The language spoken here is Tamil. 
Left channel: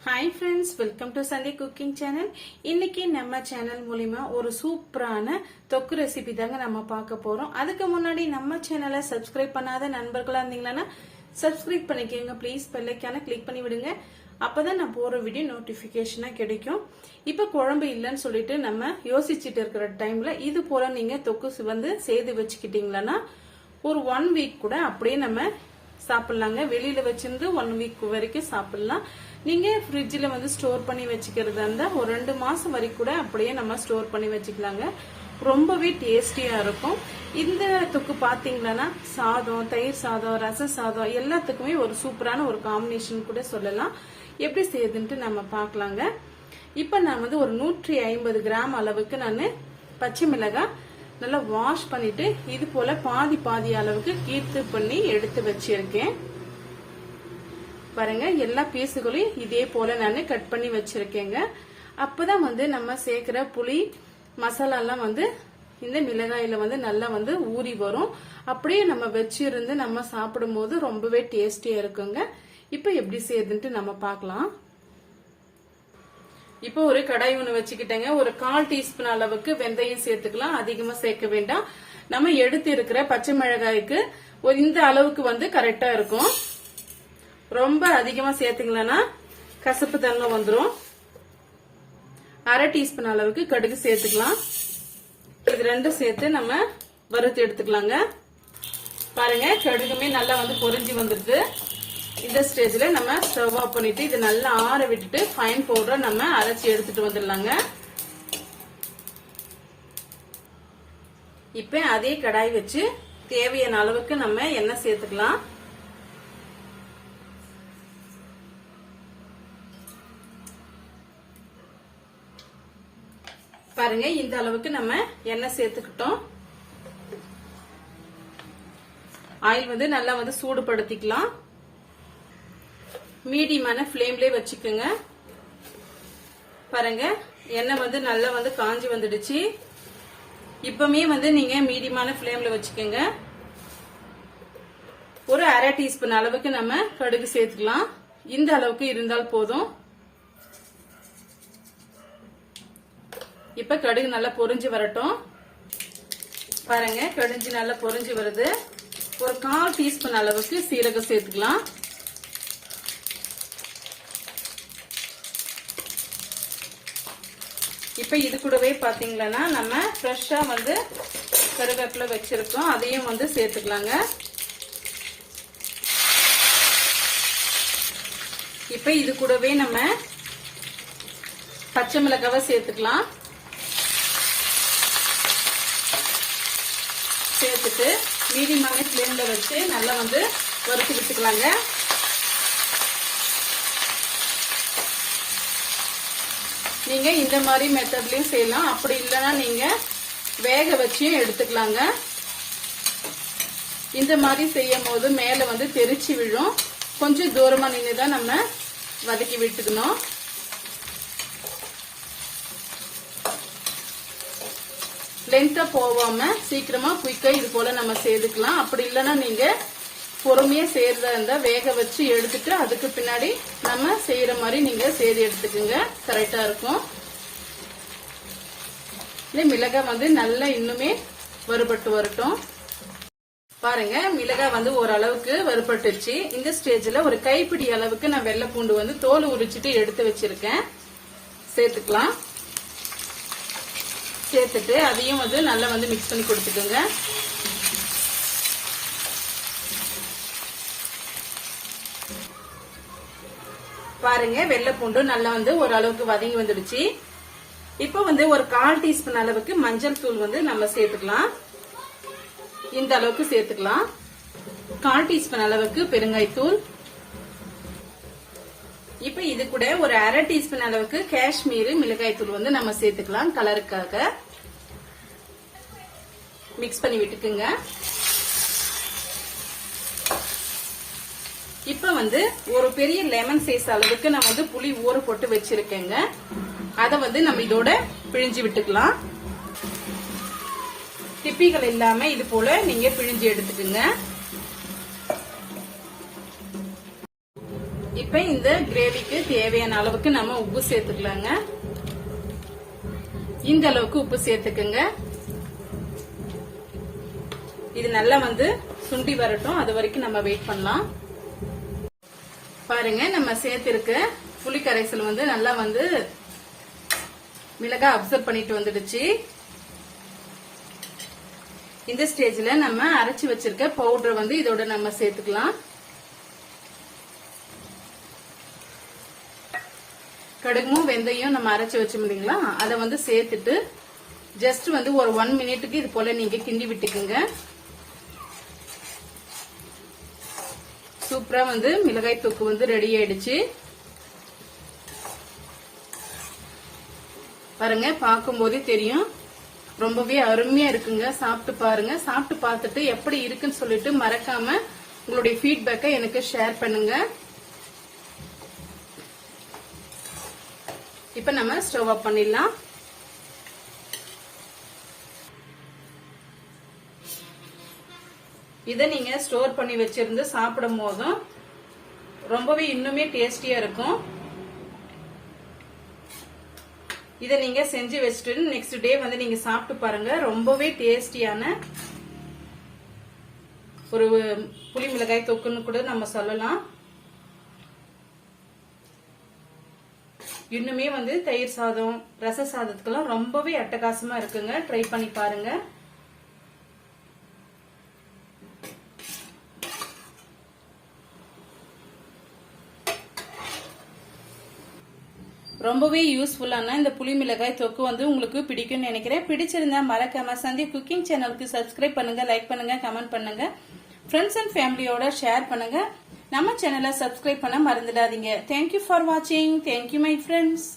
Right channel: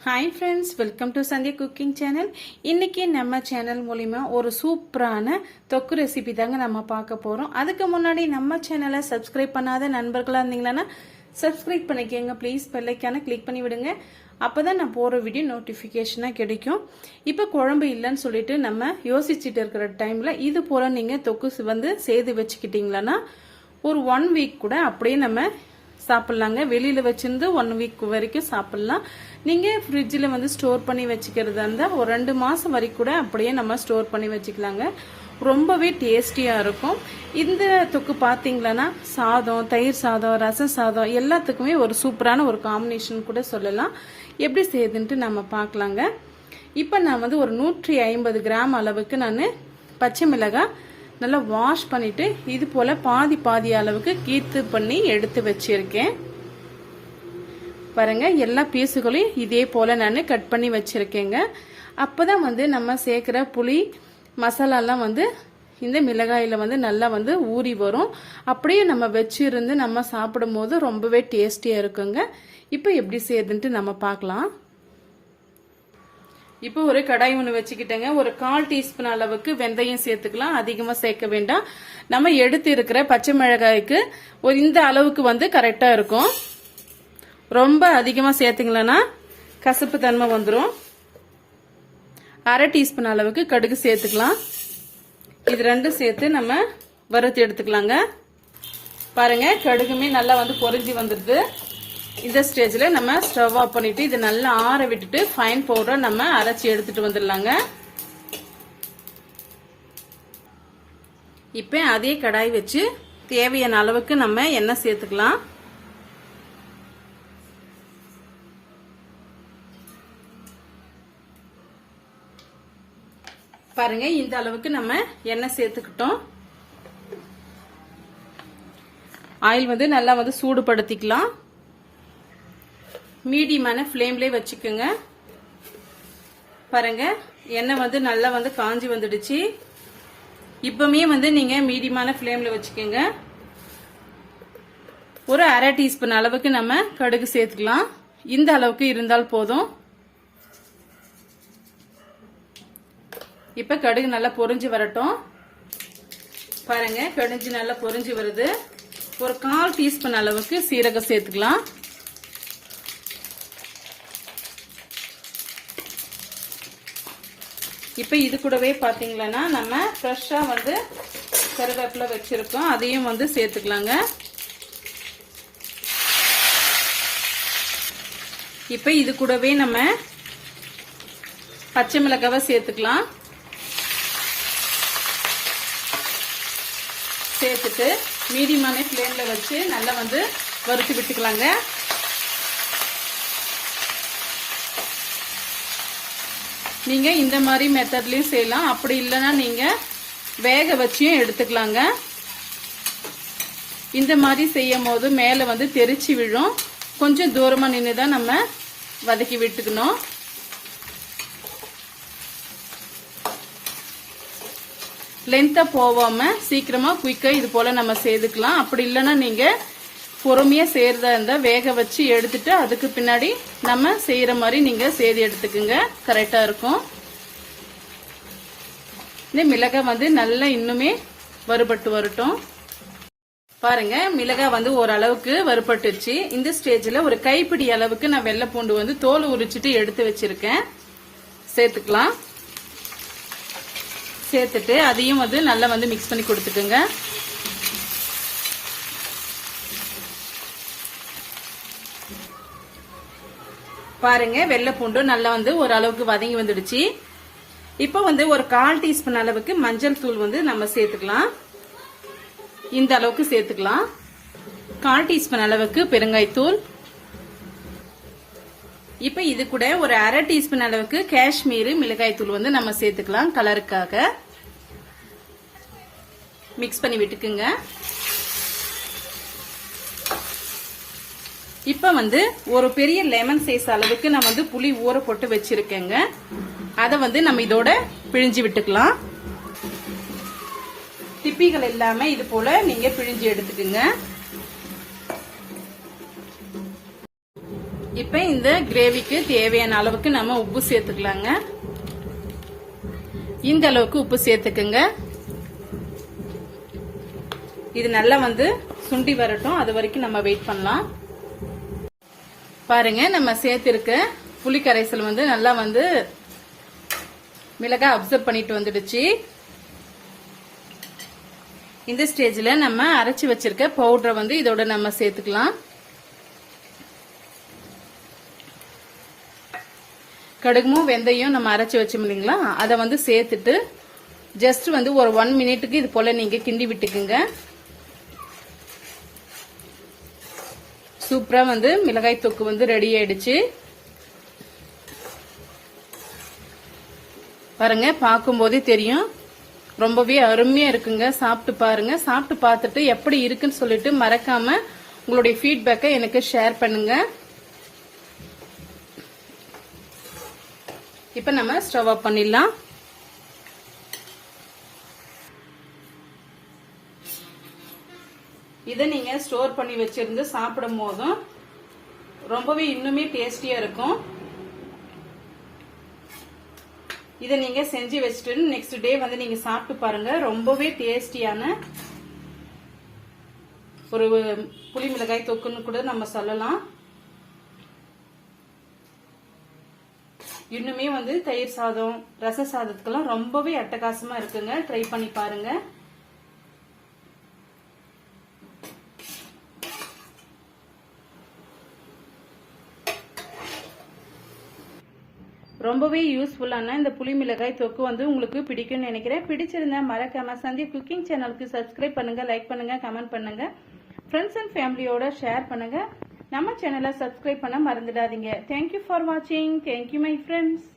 Hi friends welcome to Sunday cooking channel இன்னைக்கு நம்ம சேனல் மூலிமா ஒரு சூப்பரான தொக்கு ரெசிபி தாங்க நம்ம பார்க்க போகிறோம் அதுக்கு முன்னாடி நம்ம சேனலை சப்ஸ்கிரைப் பண்ணாத நண்பர்களாக இருந்தீங்கன்னா சப்ஸ்கிரைப் பண்ணிக்கோங்க ப்ளீஸ் பெல்லைக்கான கிளிக் பண்ணி விடுங்க. அப்போ தான் நான் போகிற வீடியோ நோட்டிஃபிகேஷனாக கிடைக்கும். இப்போ குழம்பு இல்லைன்னு சொல்லிட்டு நம்ம யோசிச்சுட்டு இருக்கிற டைமில் இது போல் நீங்கள் தொக்கு வந்து செய்து வச்சுக்கிட்டீங்களன்னா ஒரு ஒன் வீக் கூட அப்படியே நம்ம சாப்பிட்லாங்க. வெளியில வச்சிருந்து ஒன் வீக் வரைக்கும் சாப்பிடலாம். நீங்க ஃப்ரிட்ஜில் வந்து ஸ்டோர் பண்ணி வச்சுக்கிறதா இருந்தால் ஒரு ரெண்டு மாசம் வரைக்கும் கூட அப்படியே நம்ம ஸ்டோர் பண்ணி வச்சுக்கலாங்க. ரொம்பவே டேஸ்டியா இருக்கும். இந்த தொக்கு பாத்தீங்களன்னா சாதம் தயிர் சாதம் ரசம் சாதம் எல்லாத்துக்குமே ஒரு சூப்பரான ஒரு காம்பினேஷன் கூட சொல்லலாம். எப்படி செய்யுதுன்ட்டு நம்ம பார்க்கலாங்க இப்போ நான் வந்து ஒரு நூற்றி ஐம்பது கிராம் அளவுக்கு நான் பச்சை மிளகாய் நல்லா வாஷ் பண்ணிட்டு இது போல பாதி பாதி அளவுக்கு கீத்து பண்ணி எடுத்து வச்சிருக்கேன். பாருங்க எல்லா பீஸுகளையும் இதே போல நான் கட் பண்ணி வச்சிருக்கேங்க. அப்பதான் வந்து நம்ம சேர்க்கிற புளி மசாலாலாம் வந்து இந்த மிளகாயில வந்து நல்லா வந்து ஊறி வரும். அப்படியே நம்ம வச்சிருந்து நம்ம சாப்பிடும் போது ரொம்பவே டேஸ்டியா இருக்குங்க. இப்போ எப்படி செய்யுதுன்ட்டு நம்ம பார்க்கலாம். இப்போ ஒரு கடாய் ஒன்று வச்சுக்கிட்டேங்க. ஒரு கால் டீஸ்பூன் அளவுக்கு வெந்தயம் சேர்த்துக்கலாம். அதிகமா சேர்க்க வேண்டாம். நம்ம எடுத்து இருக்கிற பச்சை மிளகாய்க்கு ஒரு இந்த அளவுக்கு வந்து கரெக்டா இருக்கும். ரொம்ப அதிகமா சேர்த்துங்களன்னா கசப்பு தன்மை வந்துடும் அரை டீஸ்பூன் அளவுக்கு கடுகு சேர்த்துக்கலாம். இது ரெண்டும் சேர்த்து நம்ம வறுத்து எடுத்துக்கலாங்க. பாருங்க கடுகுமே நல்லா வந்து பொரிஞ்சு வந்துருக்கு இந்த ஸ்டேஜ்ல நம்ம ஸ்டவ் ஆஃப் பண்ணிட்டு இது நல்லா ஆற விட்டுட்டு ஃபைன் பவுடர் நம்ம அரைச்சி எடுத்துட்டு வந்துடலாங்க. இப்ப அதே கடாய் வச்சு தேவையான அளவுக்கு நம்ம எண்ணெய் சேர்த்துக்கலாம். பாருங்க இந்த அளவுக்கு நம்ம எண்ணெய் சேர்த்துக்கிட்டோம். ஆயில் வந்து நல்லா வந்து சூடுபடுத்திக்கலாம். மீடியமான ஃப்ளேம்லேயே வச்சுக்கோங்க. பாருங்க எண்ணெய் வந்து நல்லா வந்து காஞ்சி வந்துடுச்சு. இப்பவுமே வந்து நீங்க மீடியமான ஃப்ளேம்ல வச்சுக்கோங்க. ஒரு அரை டீஸ்பூன் அளவுக்கு நம்ம கடுகு சேர்த்துக்கலாம். இந்த அளவுக்கு இருந்தால் போதும். இப்ப கடுகு நல்லா பொறிஞ்சு வரட்டும். பாருங்க கடுஞ்சு நல்லா பொறிஞ்சு வருது. ஒரு கால் டீஸ்பூன் அளவுக்கு சீரகம் சேர்த்துக்கலாம். இப்போ இது கூடவே பார்த்தீங்களன்னா நம்ம ஃப்ரெஷ்ஷாக வந்து கருவேப்பிலை வச்சுருக்கோம். அதையும் வந்து சேர்த்துக்கலாங்க. இப்போ இது கூடவே நம்ம பச்சை மிளகாவை சேர்த்துக்கலாம். சேர்த்துட்டு மீடியமான ஃப்ளேமில் வச்சு நல்லா வந்து வறுத்து விட்டுக்கலாங்க. நீங்க இந்த மாதிரி மெத்தட்லயும் செய்யலாம். அப்படி இல்லைன்னா நீங்க வேக வச்சியும் எடுத்துக்கலாங்க. இந்த மாதிரி செய்யும் போது மேல வந்து தெரிச்சு விழும். கொஞ்சம் தூரமா நின்று தான் நம்ம வதக்கி விட்டுக்கணும். லென்த்தா போகாம சீக்கிரமா குயிக்கா இது போல நம்ம செய்துக்கலாம். அப்படி இல்லைன்னா நீங்க பொறுமையா செய்யறதா இருந்தா வேக வச்சு எடுத்துட்டு அதுக்கு பின்னாடி நம்ம செய்யற மாதிரி நீங்க செய்து எடுத்துக்குங்க. கரெக்டா இருக்கும். இந்த மிளகாய் வந்து நல்லா இன்னுமே வறுபட்டு வரட்டும். பாருங்க மிளகாய் வந்து ஓரளவுக்கு வறுபட்டுச்சு இந்த ஸ்டேஜ்ல ஒரு கைப்பிடி அளவுக்கு நான் வெள்ளை பூண்டு வந்து தோல் உரிச்சிட்டு எடுத்து வச்சிருக்கேன். சேர்த்துக்கலாம். சேர்த்துட்டு அதையும் வந்து நல்லா வந்து மிக்ஸ் பண்ணி கொடுத்துக்குங்க. பாருங்க வெள்ளை பூண்டும் நல்லா வந்து ஓரளவுக்கு வதங்கி வந்துடுச்சு. இப்போ வந்து ஒரு கால் டீஸ்பூன் அளவுக்கு மஞ்சள் தூள் வந்து நம்ம சேர்த்துக்கலாம். இந்த அளவுக்கு சேர்த்துக்கலாம். கால் டீஸ்பூன் அளவுக்கு பெருங்காய்த்தூள். இப்ப இது கூட ஒரு அரை டீஸ்பூன் அளவுக்கு காஷ்மீர் மிளகாய் தூள் வந்து நம்ம சேர்த்துக்கலாம் கலருக்காக மிக்ஸ் பண்ணி விட்டுக்குங்க. இப்ப வந்து ஒரு பெரிய லெமன் சைஸ் அளவுக்கு நான் வந்து புளி ஊற போட்டு வச்சிருக்கேங்க. அதை வந்து நம்ம இதோட பிழிஞ்சு விட்டுக்கலாம். திப்பிகள் இல்லாம இது போல நீங்க பிழிஞ்சு எடுத்துக்குங்க. இப்ப இப்ப இந்த கிரேவிக்கு தேவையான அளவுக்கு நம்ம உப்பு சேர்த்துக்கலாங்க. இந்த அளவுக்கு உப்பு சேர்த்துக்குங்க. இது நல்லா வந்து சுண்டி வரட்டும். அது வரைக்கும் நம்ம வெயிட் பண்ணலாம். பாருங்க நம்ம சேர்த்திருக்க புளி கரைசல் வந்து நல்லா வந்து மிளகாய் அப்சர்வ் பண்ணிட்டு வந்துடுச்சு. இந்த ஸ்டேஜ்ல நம்ம அரைச்சி வச்சிருக்க பவுடரை வந்து இதோட நம்ம சேர்த்துக்கலாம். கடுகும் வெந்தயம் நம்ம அரைச்சி வச்சோம் இல்லைங்களா? அதை வந்து சேர்த்துட்டு ஜஸ்ட் வந்து ஒரு ஒன் மினிட்டுக்கு இது போல நீங்க கிண்டி விட்டுக்குங்க. சூப்பரா வந்து மிளகாய் தொக்கு வந்து ரெடி ஆயிடுச்சு. பாருங்க பார்க்கும்போதே தெரியும். ரொம்பவே அருமையா இருக்குங்க. சாப்பிட்டு பாருங்க. சாப்பிட்டு பார்த்துட்டு எப்படி இருக்குன்னு சொல்லிட்டு மறக்காம உங்களுடைய ஃபீட்பேக்கை எனக்கு ஷேர் பண்ணுங்க. இப்ப நம்ம ஸ்டவ் ஆஃப் பண்ணிடலாம். இதை நீங்க ஸ்டோர் பண்ணி வச்சிருந்து சாப்பிடும் போதும் ரொம்பவே இன்னுமே டேஸ்டியா இருக்கும். இதை நீங்க செஞ்சு வச்சுட்டு நெக்ஸ்ட் டே வந்து நீங்க சாப்பிட்டு பாருங்க. ரொம்பவே டேஸ்டியான ஒரு புளி மிளகாய் தொக்குன்னு கூட நம்ம சொல்லலாம். இன்னுமே வந்து தயிர் சாதம் ரச சாதத்துக்கெல்லாம் ரொம்பவே அட்டகாசமா இருக்குங்க. ட்ரை பண்ணி பாருங்க. ரொம்பவே யூஸ்ஃபுல்லான இந்த புளி மிளகாய் தொக்கு வந்து உங்களுக்கு பிடிக்கும்னு நினைக்கிறேன். பிடிச்சிருந்தா மறக்காம சந்தி குக்கிங் சேனலுக்கு சப்ஸ்கிரைப் பண்ணுங்க லைக் பண்ணுங்க கமெண்ட் பண்ணுங்க. ஃப்ரெண்ட்ஸ் அண்ட் ஃபேமிலியோட ஷேர் பண்ணுங்க. நம்ம சேனலை சப்ஸ்கிரைப் பண்ண மறந்துடாதீங்க. தேங்க்யூ ஃபார் வாட்சிங் தேங்க்யூ மை ஃப்ரெண்ட்ஸ்